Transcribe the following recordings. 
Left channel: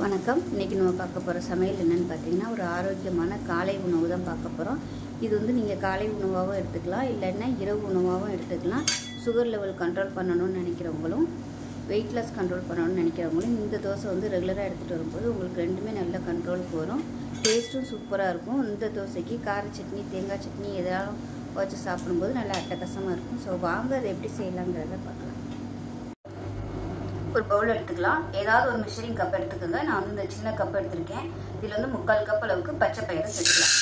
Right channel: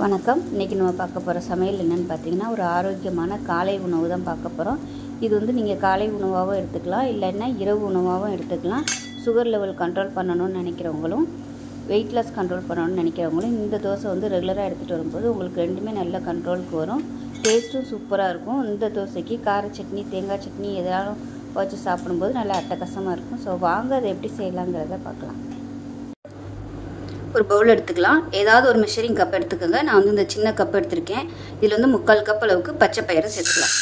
வணக்கம். இன்றைக்கி நம்ம பார்க்க போகிற சமையல் என்னென்னு பார்த்தீங்கன்னா, ஒரு ஆரோக்கியமான காலை உணவு தான் பார்க்க போகிறோம். இது வந்து நீங்கள் காலை உணவாகவும் எடுத்துக்கலாம், இல்லைன்னா இரவு உணவாகவும் எடுத்துக்கலாம். சுகர் லெவல் கண்ட்ரோல் பண்ணணும்னு நினைக்கிறவங்களும், வெயிட் லாஸ் கண்ட்ரோல் பண்ணணும்னு நினைக்கிறவங்களும் இந்த தோசை வந்து ரெகுலராக எடுத்துகிட்டு வரும்போது உங்களுக்கு ரெண்டுமே நல்ல கண்ட்ரோலுக்கு வரும். டேஸ்ட்டும் சூப்பராக இருக்கும். இந்த தோசைக்கு கார சட்னி, தேங்காய் சட்னி எதாவது வச்சு சாப்பிடும்போது நல்லா அட்டகாசமாக இருக்கும். ஸோ வாங்க அதை எப்படி செய்யலாங்கிறத பார்க்கலாம். ஒரு பவுல் எடுத்துக்கலாம். ஏதாவது ஒரு மெஷரிங் கப் எடுத்துக்கோங்க. நான் வந்து இந்த சின்ன கப் எடுத்திருக்கேன். இதில் வந்து 3/4 கப் அளவுக்கு பச்சை பயிறு சேர்த்துக்கலாம்.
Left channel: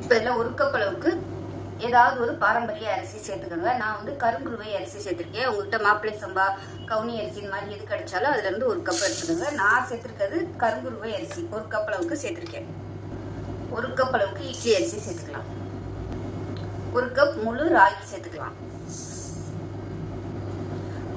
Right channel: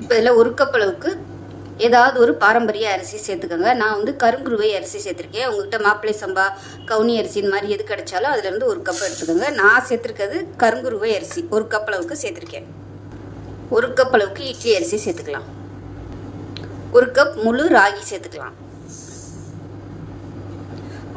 இப்போ இதில் 1 கப் அளவுக்கு ஏதாவது ஒரு பாரம்பரிய அரிசி சேர்த்துக்கோங்க. நான் வந்து கருங்குருவை அரிசி சேர்த்துருக்கேன். உங்கள்கிட்ட மாப்பிள்ளை சம்பா, கவுனி அரிசி இந்த மாதிரி எது கிடைச்சாலும் அதுலேருந்து 1 கப் எடுத்துக்கோங்க. நான் சேர்த்துருக்கிறது கருங்குருவை அரிசி 1 கப் அளவுக்கு சேர்த்துருக்கேன். 1 கப் அளவுக்கு இட்லி அரிசி சேர்த்துக்கலாம். 1 கப் முழு ராகி சேர்த்துக்கலாம்.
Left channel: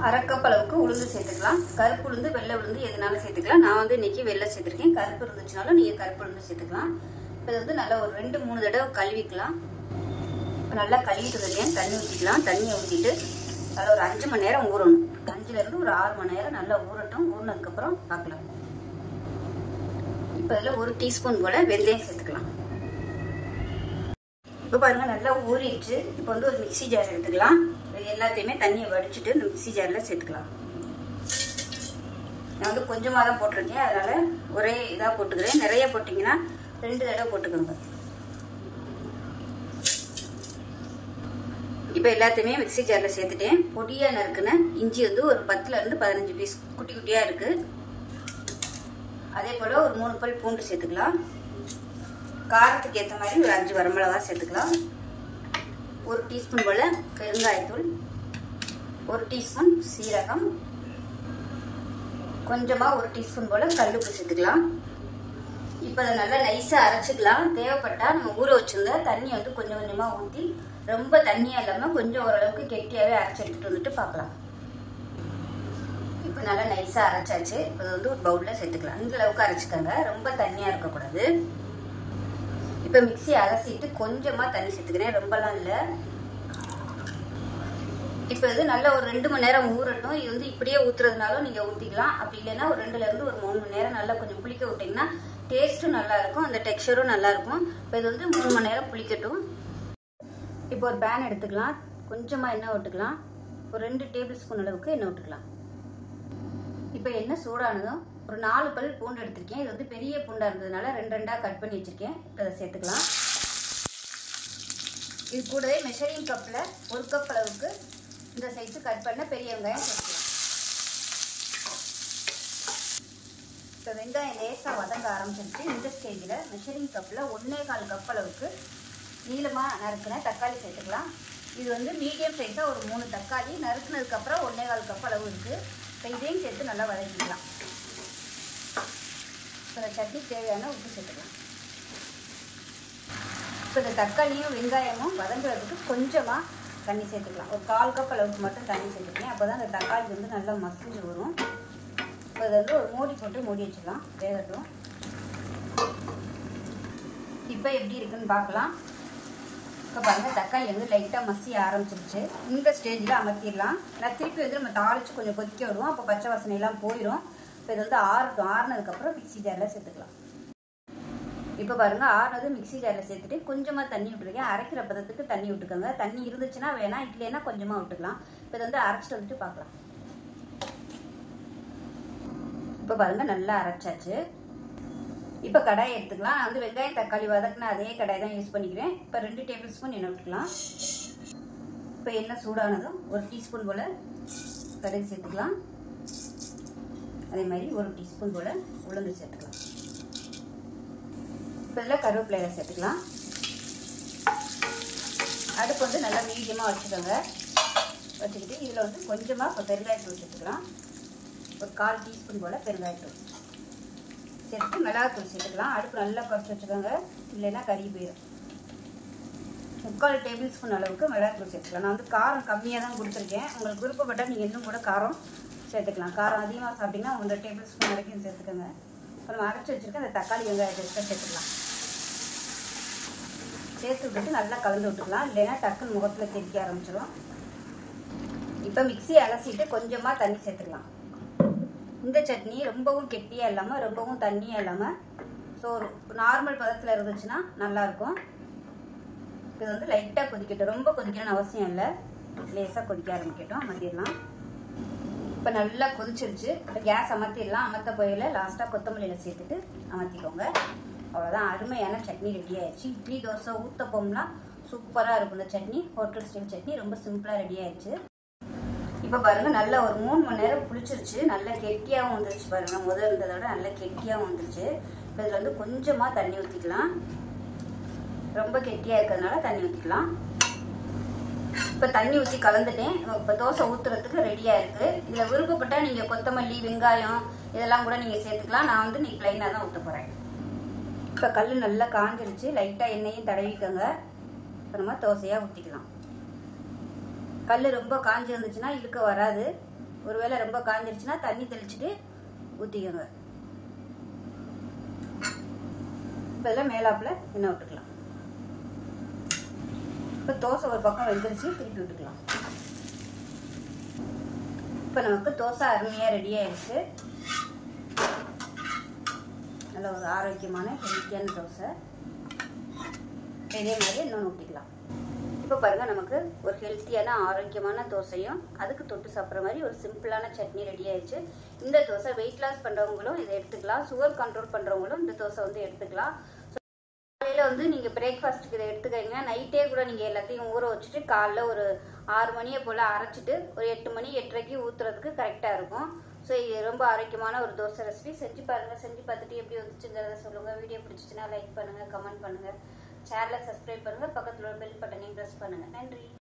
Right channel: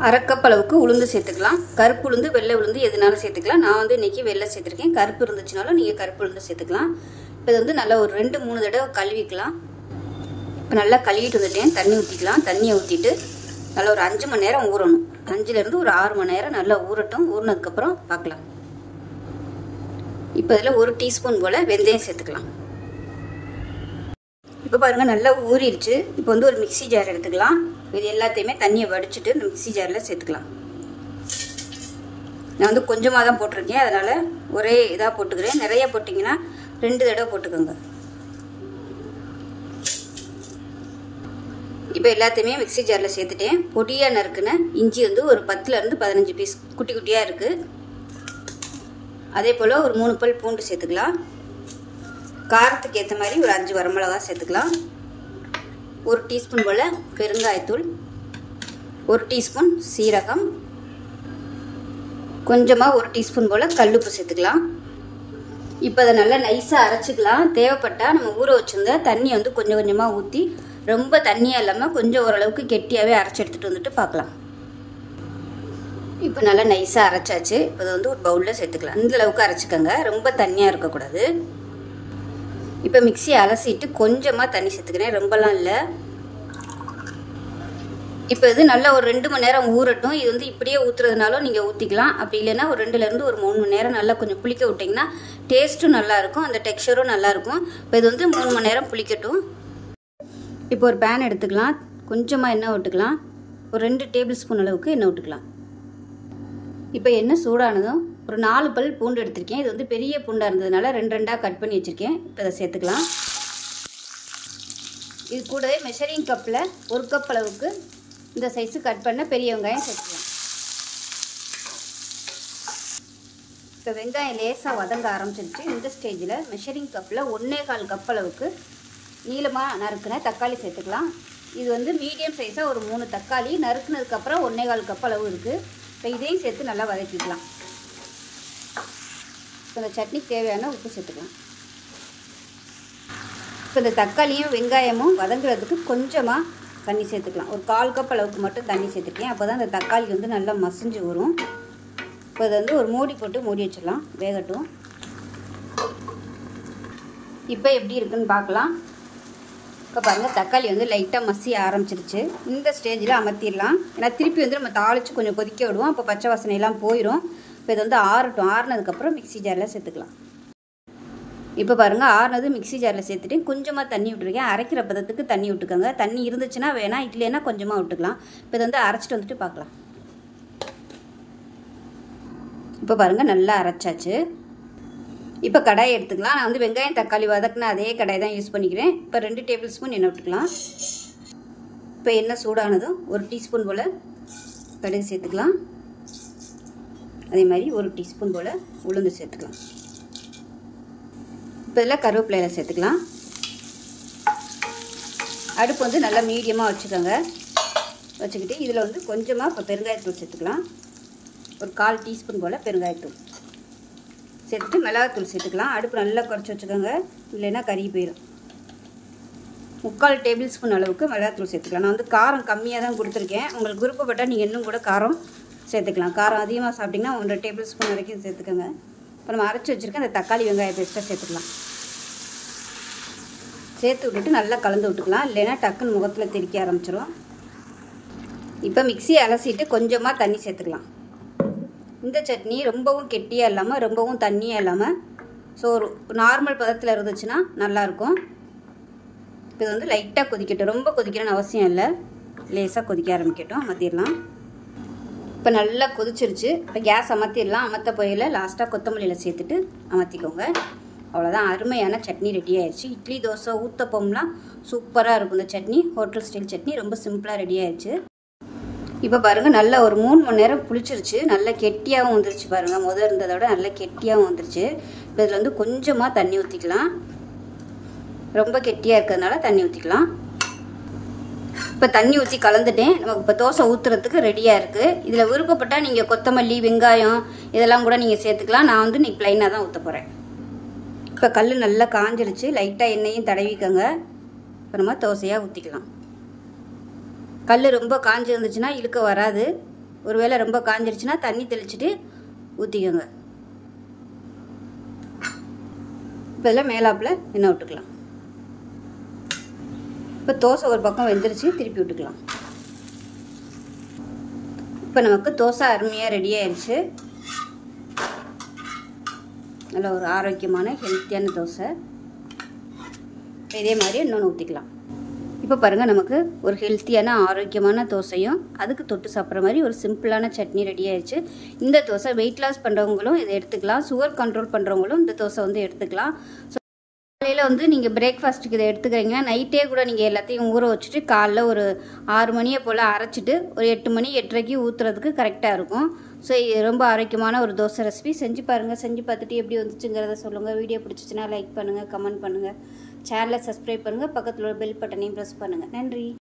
1/2 கப் அளவுக்கு உளுந்து சேர்த்துக்கலாம். கருப்பு உளுந்து, வெள்ளை உளுந்து எதுனாலும் சேர்த்துக்கலாம். நான் வந்து இன்னைக்கு வெள்ளை சேர்த்துருக்கேன். கருப்பு இருந்துச்சுனாலும் நீங்கள் கருப்பு உளுந்து சேர்த்துக்கலாம். இப்போ இது வந்து நல்லா ஒரு 2-3 தடவை கழுவிக்கலாம். இப்போ நல்லா கழுவிட்டு வந்துட்டேன். தண்ணி ஊற்றிக்கலாம். தண்ணியை ஊற்றிட்டு நல்லா ஒரு 5 மணி நேரம் ஊறணும். 5லேருந்து ஒரு 6 மணி நேரம் நல்லா ஊறட்டும். ஊறினதுக்கப்புறம் பார்க்கலாம். இப்போ இதில் 1 டீஸ்பூன் போல் வெந்தயம் சேர்த்துக்கலாம். இப்போ பாருங்கள் நல்லா ஊறிடுச்சு. இப்போ வந்து ஒரு மிக்சி ஜார் எடுத்துக்கலாம். இது எல்லாத்தையுமே தண்ணியை வடிச்சிட்டு இந்த மிக்சி ஜாரில் சேர்த்துக்கலாம். நான் வந்து கொஞ்சமாக தான் போட்டிருக்கேன், அதனால் ஒரே இதாக போட்டுக்கிறேன். நிறைய போட்டிங்கன்னா 2 தடவை போட்டுக்கோங்க. இப்போ எல்லாத்தையுமே மிக்சி ஜாரில் சேர்த்துட்டேன். பொடியாக நறுக்குன இஞ்சி வந்து ஒரு 10லேருந்து 15 பீஸ் குட்டி குட்டியாக இருக்குது. அதே போல் ஒரு 3 பல் பூண்டு சேர்த்துக்கலாம். காரத்துக்கு ஏற்ற மாதிரி ஒரு 5 வரமிளகா சேர்த்துக்கலாம். 1 டீஸ்பூன் போல் பெருங்காயத்தூள், 1 டீஸ்பூன் சீரகம், கொஞ்சமாக 1 டீஸ்பூன் போல் கல்லுப்பு சேர்த்துக்கலாம். இப்போ அதை நல்லா நைஸாக அரைச்சிக்கலாம். தேவைப்பட்டால் நம்ம ஊற வச்சுருந்தா தண்ணி வந்து கொஞ்சம் கொஞ்சமாக ஊற்றி ரொம்ப தண்ணியாக இல்லாமல் கொஞ்சம் ஓரளவுக்கு கெட்டியாகவே அரைச்சி எடுத்துகிட்டு வந்துட்டு பார்க்கலாம். இப்போ நல்லா நைஸாக அரைச்சாச்சு. இப்போ அதை வந்து ஒரு பவுலில் சேர்த்துக்கலாம். இந்த அளவுக்கு அரைச்சிக்கோங்க, ரொம்ப தண்ணியாக இருக்கக்கூடாது. இப்போ மிக்ஸி அலசிட்டு கொஞ்சமாக தண்ணி சேர்த்துக்கிறேன், ரொம்பலாம் இல்லை. இப்போ இது நல்லா ஒரு 2 மணி நேரம் ஊறட்டும். இது வந்து இப்படியே ஊற்றுறதுனாலும் நீங்கள் ஊற்றிக்கலாம். அப்படி இல்லைன்னா ஒரு 2லேருந்து ஒரு 3 மணி நேரம் நல்லா கொஞ்சம் புளிக்க விட்டிங்கன்னா டேஸ்ட்டும் நல்லாயிருக்கும், அந்த டெக்ஸ்சரும் நல்லாயிருக்கும். இப்போ இது வந்து 3 மணி நேரம் புளிக்கட்டும். இப்போ ஒரு பேன் எடுத்துக்கலாம். கொஞ்சமாக எண்ணெய் விட்டுக்கலாம். ஒரு 2 டேபிள் ஸ்பூன் அளவுக்கு எண்ணெய் விட்டுக்கலாம். இப்போ எண்ணெய் சூடானதும் ஒரு 4 பல் பூண்டு எடுத்திருக்கேன். இது வந்து பெரிய பூண்டாக இருந்ததுனால 2 கட் பண்ணி வச்சுருக்கேன். இப்போ அதை சேர்த்துக்கலாம். இது கூடவே மெஷரிங் கப்பில் 1 கப் அளவுக்கு இந்த சைஸு கட் பண்ண பெரிய வெங்காயம் சேர்த்துக்கலாம். இப்போ வெங்காயம் லேசாக வதங்க ஆரம்பிச்சிருச்சு. இந்த ஸ்டேஜில் மெஷரிங் கப்பில் 1/4 கப் அளவுக்கு நீளமாக நறுக்குன தக்காளி சேர்த்துக்கலாம். இது வந்து மீடியம் சைஸாக ஒரு 3 தக்காளி நறுக்குனதுக்கப்புறம் 1/4 கப் அளவு இருக்குது. இப்போ இதையும் சேர்த்து நல்லா வதக்கிக்கலாம். இப்போ இந்த சட்னிக்கு தேவையான உப்பு சேர்த்துக்கலாம். இப்போ இந்த தக்காளியும் வெங்காயமும் வதங்குறதுக்கு கொஞ்சமாக தண்ணி சேர்த்துக்கலாம். ஒரு 1/4 கப் அளவுக்கு மட்டும் தண்ணி சேர்த்துக்கேன். அப்போ தான் அந்த தக்காளி வந்து நல்லா மசிஞ்சு வரும். இப்போ அதை வந்து ஒரு மூடி போட்டு மூடி வச்சிடலாம், வேகட்டும். இப்போ எப்படி இருக்குன்னு பார்க்கலாம். இப்போ பாருங்கள் தக்காளி வந்து லைட்டாக மசிய ஆரம்பிச்சிருச்சு. இந்த ஸ்டேஜில் அமர்த்திடலாம். ஏன்னா திருப்பி வந்து நம்ம தாளித்து கொஞ்சம் கொதிக்க விடுவோம். அப்போ பச்சை வாசனையெல்லாம் போயிடும். இப்போ இது வந்து ஆறட்டும். ஆறுனதுக்கப்புறம் மிக்சி ஜாரில் சேர்த்துக்கலாம். இப்போ பாருங்கள் ஆறுனது மிக்சி ஜாரில் சேர்த்துட்டு கொஞ்சமாக தண்ணி விட்டுருக்கேன். அரைக்கிற பதத்துக்கு தண்ணி விட்டுக்கோங்க. தண்ணி இருந்துச்சுன்னா வேணாம், இல்லைன்னா கொஞ்சமாக விட்டுக்கலாம். இப்போ இதை வந்து அரைச்சிட்டு வந்துட்டு பார்க்கலாம். இப்போ பாருங்கள் நல்லா அரைச்சாச்சு. இப்போ கடாயை எடுத்துக்கலாம். நான் வந்து வெங்காயம் தக்காளி வதக்குன அதே கடாயை தான் யூஸ் பண்ணிக்கிறேன். இப்போ 2 டேபிள் ஸ்பூன் எண்ணெய் விட்டுக்கலாம். இப்போ எண்ணெய் சூடானதும் 1 டீஸ்பூன் போல் கடுகு சேர்த்துக்கலாம். அதே மாதிரி 1 டீஸ்பூன் போல் உளுந்து சேர்த்துக்கலாம். இப்போ இதில் கருவேப்பிலையில சேர்த்துக்கலாம். அடுப்பு வந்து நல்லா மீடியமாக வச்சுக்கோங்க. வச்சுக்கிட்டு இதில் வந்து கொஞ்சமாக இப்போ பெருங்காயத்தூள் சேர்த்துக்கலாம். ஒரு 1/4 டீஸ்பூன் போல் பெருங்காயத்தூள் சேர்த்துட்டு மிளகாத்தூள் சேர்த்துக்கலாம். அடுப்பு நல்லா குறைச்சி வச்சுக்கோங்க, இல்லைன்னா கறி போயிடும். 3/4 டேபிள் ஸ்பூன் அளவுக்கு மிளகாத்தூள் சேர்த்துக்கலாம். நான் வந்து காரம் கம்மியாக தான் கொடுத்துருக்கேன். உங்களுக்கு விருப்பப்பட்டால் நீங்கள் இன்னும் கூட காரம் சேர்த்துக்கலாம். காரம் அதிகமாக சாப்பிட்டிங்கன்னா 1 டேபிள் ஸ்பூன் வரைக்கும் சேர்த்துக்கோங்க. இப்போ நம்ம அரைச்சி வச்சுருக்க அந்த தக்காளி வெங்காய பேஸ்ட்டை சேர்த்துக்கலாம். சேர்த்து விட்டுட்டு நல்லா கலந்து விட்டுக்கலாம், இல்லைன்னா டக்குன்னு முகத்தில் திரிக்க ஆரம்பிச்சிடும். இப்போ மிக்ஸி அலசிட்டு கொஞ்சமாக தண்ணி சேர்த்துக்கலாம். இந்த சட்னி ரொம்பவும் கெட்டியாக இல்லாமல் ரொம்பவும் தண்ணியாக இல்லாமல் ஸோ ஒரு நார்மல் பதத்தில் இருந்துச்சுன்னா நல்லாயிருக்கும். இப்போ இது வந்து லைட்டாக கொதிக்கட்டும், ரொம்ப கொதிக்கணும்னு அவசியம் இல்லை, லேசாக கொதிக்க ஆரம்பிக்கட்டும். அமர்த்திடலாம். இப்போ நல்லா கொதிச்சிருச்சு. இப்போ கேஸ் அமர்த்திடலாம். அமர்த்த போயில லாஸ்ட்டாக கொத்தமல்லியில் சேர்த்துட்டு அமர்த்திக்கோங்க. அவ்வளோதான், அருமையான சட்னி ரெடி ஆயிடுச்சு. இட்லி தோசை ஊத்தப்பம்லாம் சூப்பராக இருக்கும் இந்த சட்னி. ஹோட்டல் ஸ்டைல் சட்னி ரொம்ப சிம்பிளாக ரெடி ஆயிடுச்சு. இப்போ பாருங்கள், நல்லா ஒரு 3 மணி நேரம் புளிச்சிருச்சு. நல்லா கெட்டியாகவும் வந்துருச்சு பாருங்கள். முதல் இருந்ததை விட நல்லா கெட்டியாகவும் வந்துருச்சு. இப்போ இதில் வந்து கொஞ்சமாக தண்ணி ஊற்றிக்கலாம். ரொம்ப கெட்டியாக இருக்கிறதுனால தண்ணி ஊற்றிக்கலாம். இப்போ தண்ணி ஊற்றி கலந்துட்டேன். நமக்கு இப்போ தோசை ஊற்றுறதுக்கு ரெடியாக இருக்குது. இதில் விருப்பப்பட்டால் நீங்கள் கொத்தமல்லி, வெங்காயம் இதெல்லாம் கூட நீங்கள் சேர்த்துக்கலாம். நான் வந்து இன்னைக்கு ப்ளைனாக தான் ஊற்ற போகிறேன். இப்போ கல் நல்லா காஞ்சிருச்சு. லைட்டாக எண்ணெயும் தடவிக்கோங்க. இப்போ நம்ம தோசையாக ஊற்றிக்கலாம். கல் ரொம்ப காஞ்சி இருந்துச்சுன்னா இழுக்க வராது. ஒருவேளை ரொம்ப காஞ்சிருச்சுன்னா தண்ணி தெளிச்சுட்டு ஊற்றிக்கோங்க. இப்போ இதில் மேலாப்பில் எண்ணெய் விட்டுக்கலாம். இப்போ தோசை ஒரு பக்கம் வெந்துருச்சு, திருப்பி விட்டுக்கலாம். இப்போ நமக்கு தோசை அருமையாக ரெடி ஆயிடுச்சு. நல்ல ஒரு ஆரோக்கியமான ஹெல்த்தியான தோசை. இதே மாதிரி இன்னொன்று ஊற்றிக்கலாம். இப்போ பாருங்கள், நமக்கு ஒரு ஹெல்த்தியான ஆரோக்கியமான தோசையும் அதுக்கு தொட்டு சாப்பிட்ற மாதிரி ஒரு சிம்பிளான சட்னி ரெடி ஆயிடுச்சு. இந்த தோசை வெயிட் லாஸ் பண்ணுறவங்களும் இதை எடுத்துக்கலாம். சுகர் கண்ட்ரோல் பண்ணுறவங்களும் இந்த தோசை வந்து எடுத்துக்கலாம். ஸோ காலையில் வந்து நீங்கள் பிரேக்ஃபாஸ்ட்டுக்கு இதை எடுத்துக்கிறீங்கன்னா நைட்டே கூட நீங்கள் எல்லாத்தையும் ஊற வச்சுட்டு காலைல ஒரு 6 மணியை போல் அரைச்சிட்டு ஒரு 8 மணி 8:30க்கு ஊற்றுறதுக்கு கரெக்டாக இருக்கும். ஸோ இது ரொம்ப ஆரோக்கியமான ஒரு தோசை ரெசிபி. செஞ்சு பாருங்கள். செஞ்சு பார்த்துட்டு எப்படி வந்துச்சுங்கிறத சொல்லுங்கள். வீடியோ பிடிச்சிச்சின்னா லைக் பண்ணுங்கள், கமெண்ட் பண்ணுங்கள், சேனலை சப்ஸ்கிரைப் பண்ணுங்கள், பக்கத்தில் உள்ள பெல் பட்டனையும் ப்ரெஸ் பண்ணுங்கள். நன்றி.